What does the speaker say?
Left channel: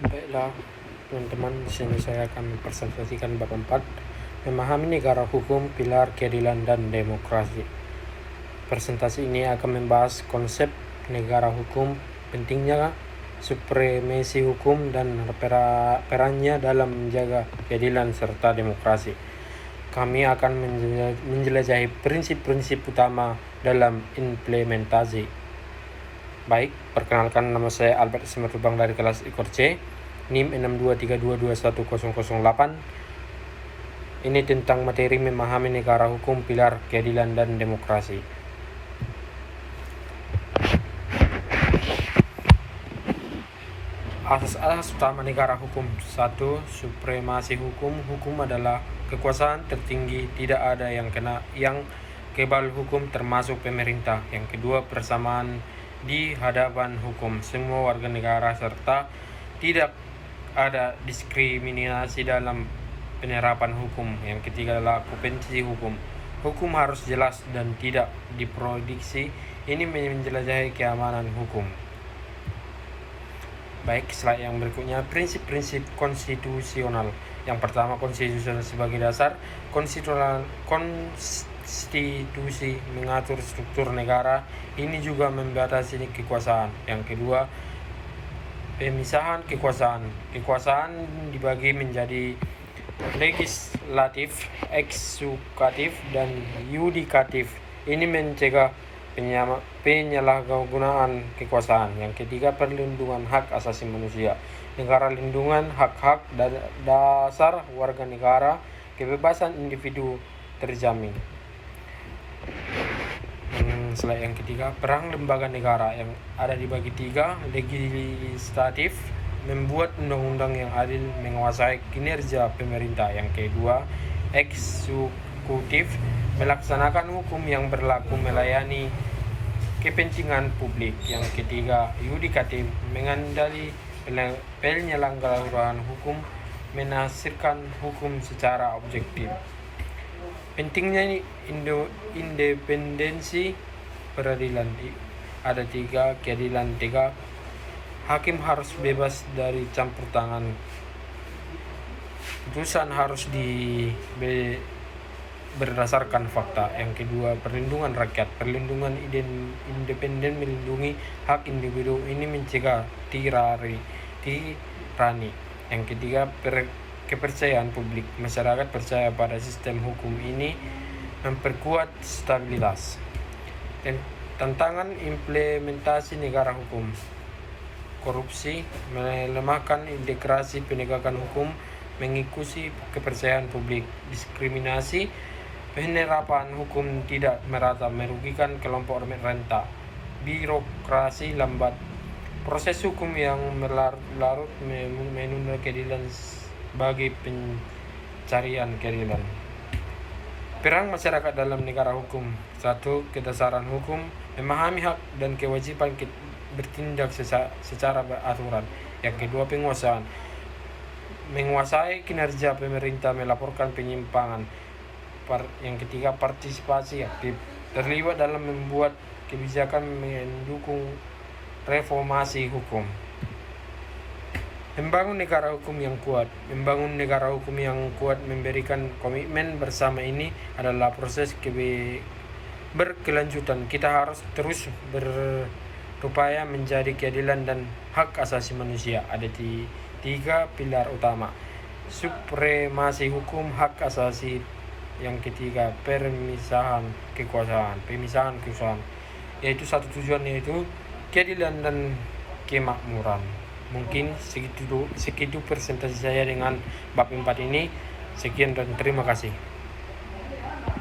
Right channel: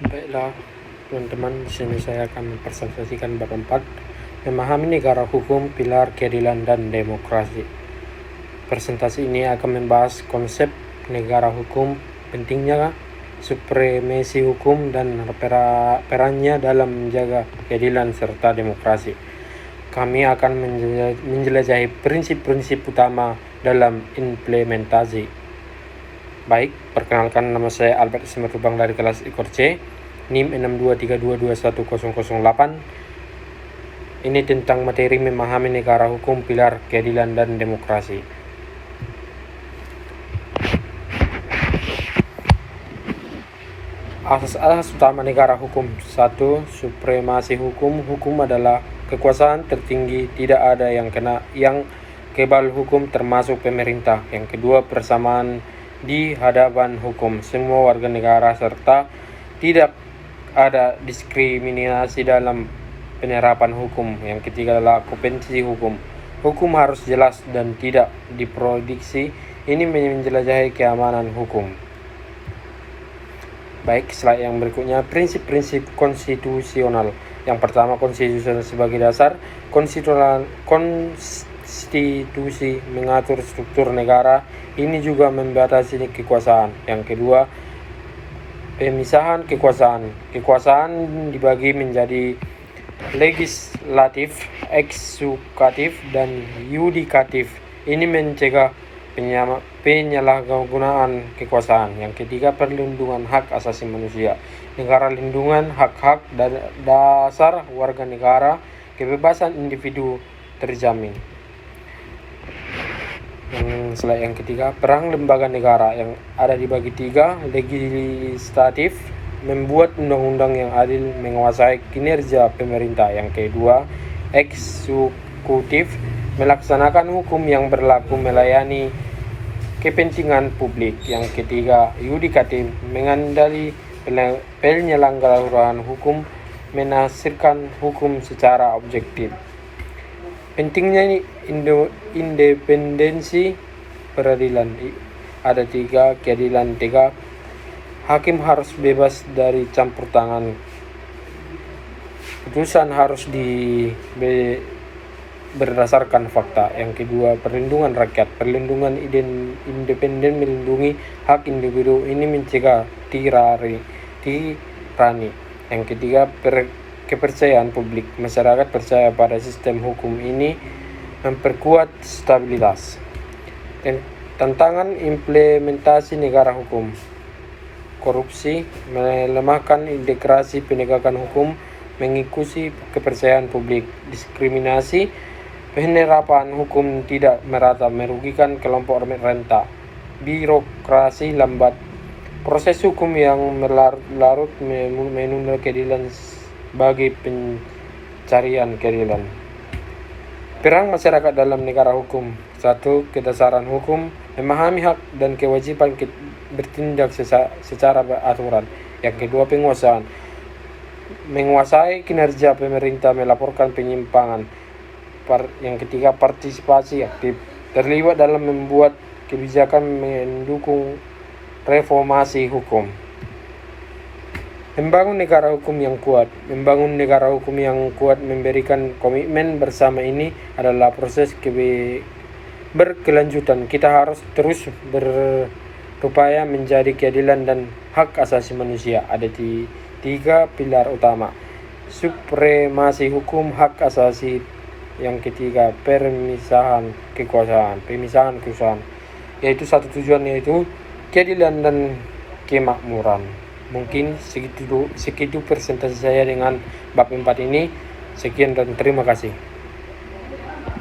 Baiklah, teman-teman, di sini saya akan mempresentasikan bab 4, memahami negara hukum, pilar keadilan dan demokrasi. Presentasi ini akan membahas konsep negara hukum, pentingnya supremasi hukum dan perannya dalam menjaga keadilan serta demokrasi. Kami akan menjelajahi prinsip-prinsip utama dalam implementasi. Baik, perkenalkan, nama saya Albert Simatubang dari kelas Ikor C, NIM 6232210008. Ini tentang materi memahami negara hukum, pilar keadilan dan demokrasi. Asas-asas utama negara hukum. 1. Supremasi hukum. Hukum adalah kekuasaan tertinggi, tidak ada yang kebal hukum termasuk pemerintah. Yang kedua, persamaan di hadapan hukum semua warga negara serta tidak ada diskriminasi dalam penerapan hukum. Yang ketiga adalah kompetensi hukum. Hukum harus jelas dan tidak diproduksi. Ini menjelajahi keamanan hukum. Baik, slide yang berikutnya, prinsip-prinsip konstitusional. Yang pertama, konstitusi sebagai dasar. Konstitusi mengatur struktur negara, ini juga membatasi kekuasaan. Yang kedua, pemisahan kekuasaan. Kekuasaan dibagi menjadi legislatif, eksekutif, dan yudikatif. Ini mencegah penyalahgunaan kekuasaan. Yang ketiga, perlindungan hak asasi manusia. Negara lindungan hak-hak dasar warga negara, kebebasan individu terjamin. Slide yang ketiga, peran lembaga negara yang ada dibagi tiga. Legislatif, membuat undang-undang yang adil, menguasai kinerja pemerintah. Yang kedua, eksekutif, melaksanakan hukum yang berlaku, melayani kepentingan publik. Yang ketiga, yudikatif, mengendali penyelenggaraan hukum, menafsirkan hukum secara objektif. Pentingnya independensi peradilan. Ada 3, keadilan tegak. Hakim harus bebas dari campur tangan. Putusan harus berdasarkan fakta. Yang kedua, perlindungan rakyat. Perlindungan independen melindungi hak individu, ini mencegah tirani. Yang ketiga, kepercayaan publik. Masyarakat percaya pada sistem hukum, ini memperkuat stabilitas. Tantangan implementasi negara hukum. Korupsi, melemahkan integrasi penegakan hukum, mengikuti kepercayaan publik. Diskriminasi, penerapan hukum tidak merata, merugikan kelompok rentan. Birokrasi lambat, proses hukum yang berlarut menunda keadilan bagi pencarian keadilan. Peran masyarakat dalam negara hukum. 1. Kedasaran hukum, memahami hak dan kewajiban bertindak secara beraturan. Yang kedua, penguasaan, menguasai kinerja pemerintah, melaporkan penyimpangan. Yang ketiga, partisipasi aktif, terlibat dalam membuat kebijakan, mendukung reformasi hukum. Membangun negara hukum yang kuat. Membangun negara hukum yang kuat memberikan komitmen bersama, ini adalah proses berkelanjutan. Kita harus terus berupaya menjadi keadilan dan hak asasi manusia. Ada 3 pilar utama. Supremasi hukum, hak asasi. Yang ketiga, pemisahan kekuasaan, yaitu satu tujuan, yaitu keadilan dan kemakmuran. Mungkin segitu presentasi saya dengan bab 4 ini. Sekian dan terima kasih.